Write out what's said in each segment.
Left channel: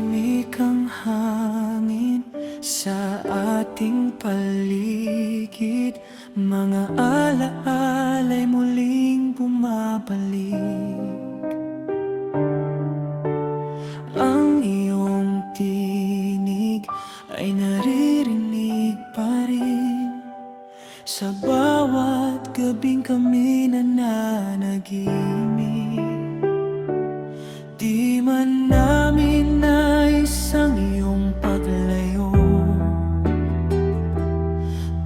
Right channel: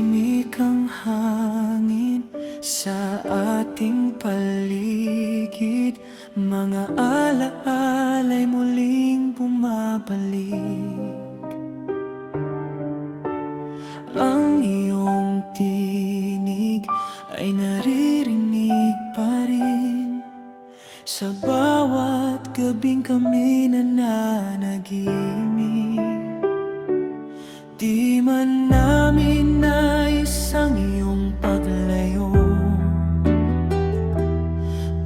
tahimik ang hangin sa ating paligid. Mga alaala'y muling bumabalik. Ang iyong tinig ay naririnig pa rin sa bawat gabing kami nananagimik. Di man namin nais ang iyong paglayo.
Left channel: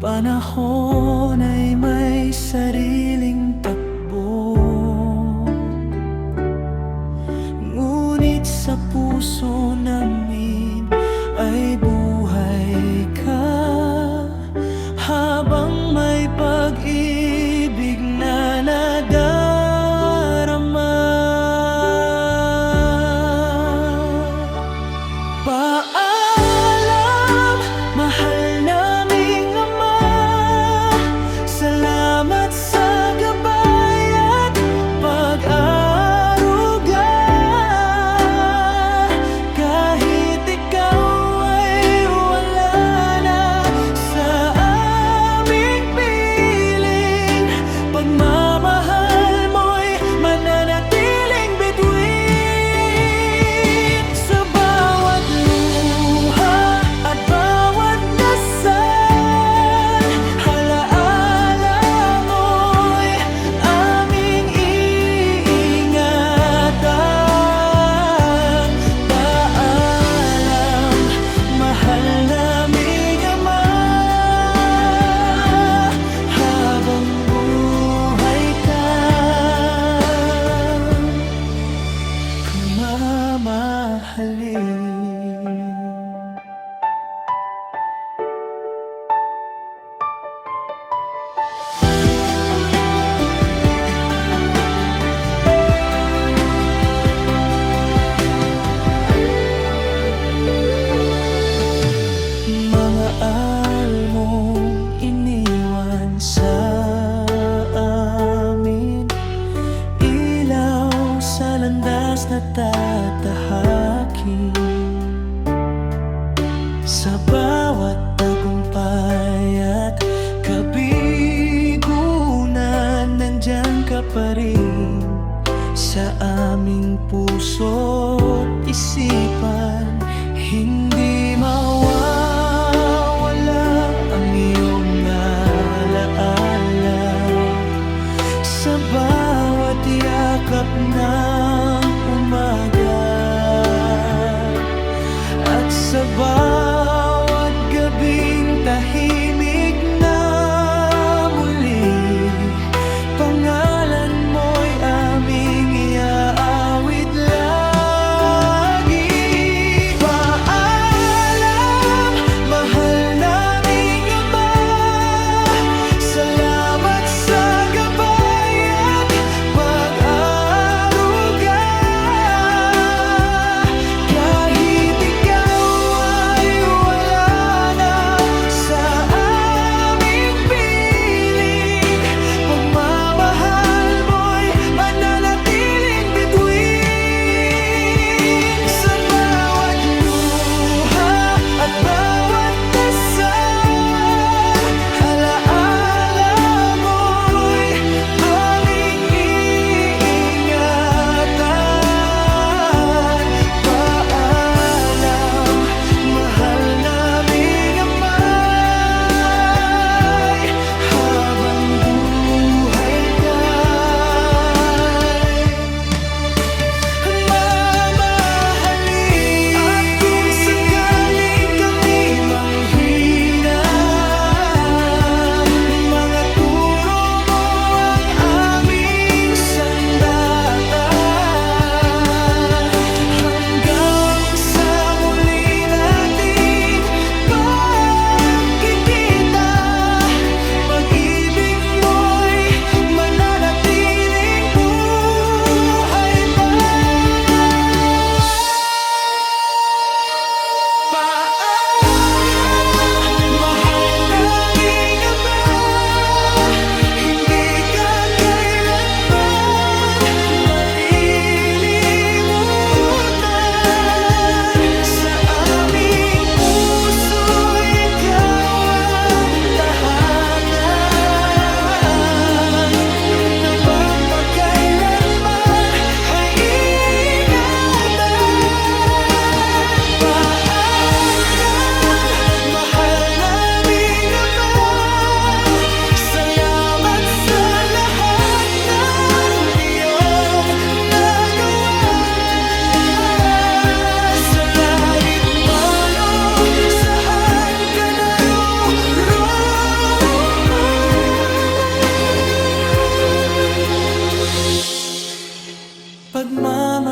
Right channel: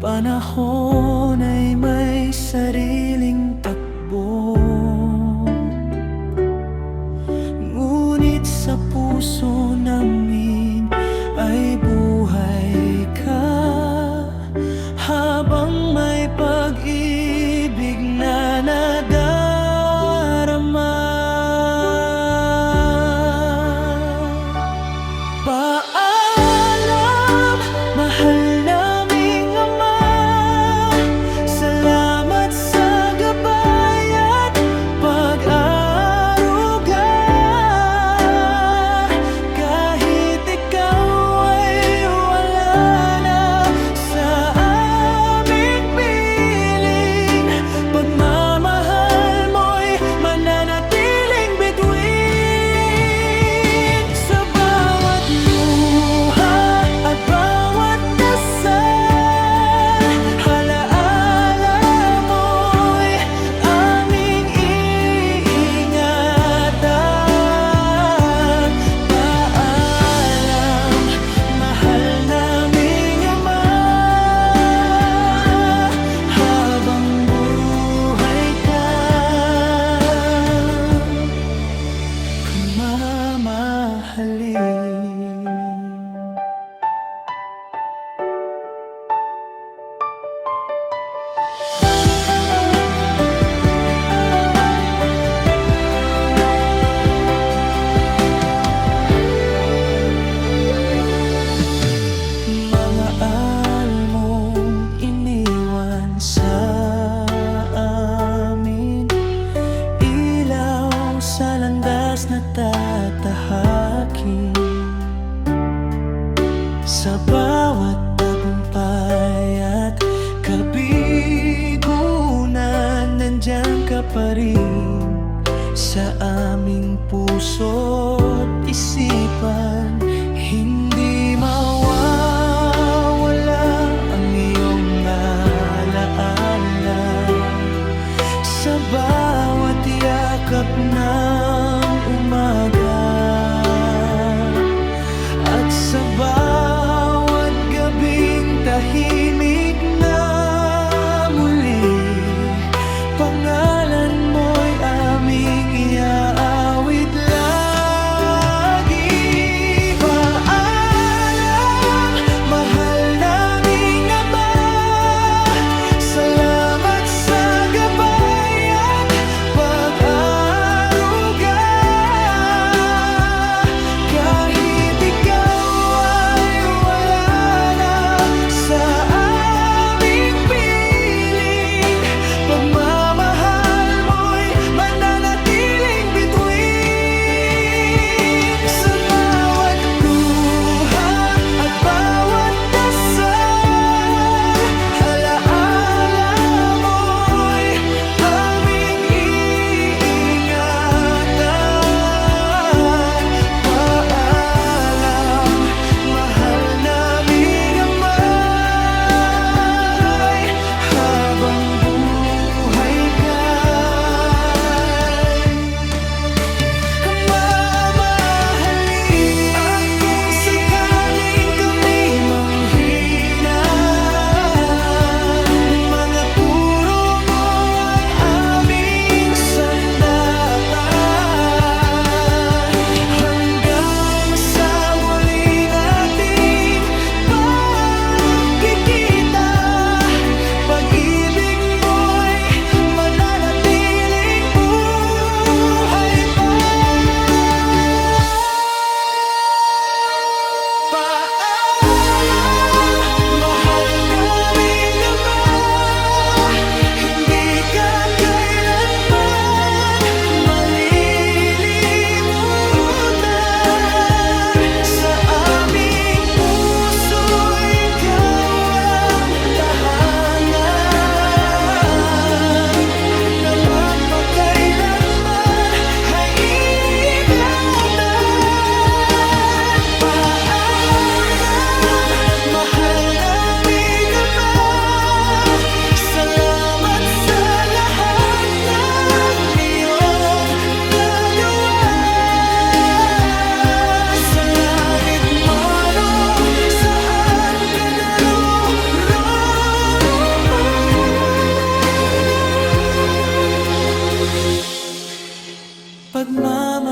Panahon ay may sariling takbo, ngunit sa puso namin ay buhay ka. Habang may pag-ibig na nadarama. Paalam, mahal naming Ama. Salamat sa gabay at pag-aaruga. Kahit ikaw ay wala na sa aming piling, pagmamahal mo'y mananatiling bituin. Sa bawat luha at bawat dasal, halaala mo'y aming iingatan. Paalam, mahal naming Ama. Habang buhay ka, mamahalin. Mga almong iniwan sa amin, ilaw sa landas na tatahakin. Sa bawat tagumpay at kabigunan, nandyan ka pa rin sa aming puso't isipan. Hindi mawawala ang iyong alaala sa bawat yakap ng umaga at sa bawat gabing tahimik na muli. Pangalan mo'y aming iaawit lagi. Paalam, mahal naming Ama. Salamat sa gabay at pag-aaruga. Kahit ikaw ay wala na sa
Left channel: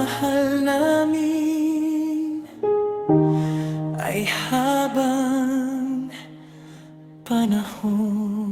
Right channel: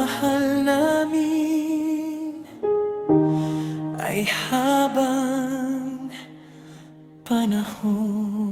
pagmamahal namin ay habang panahon.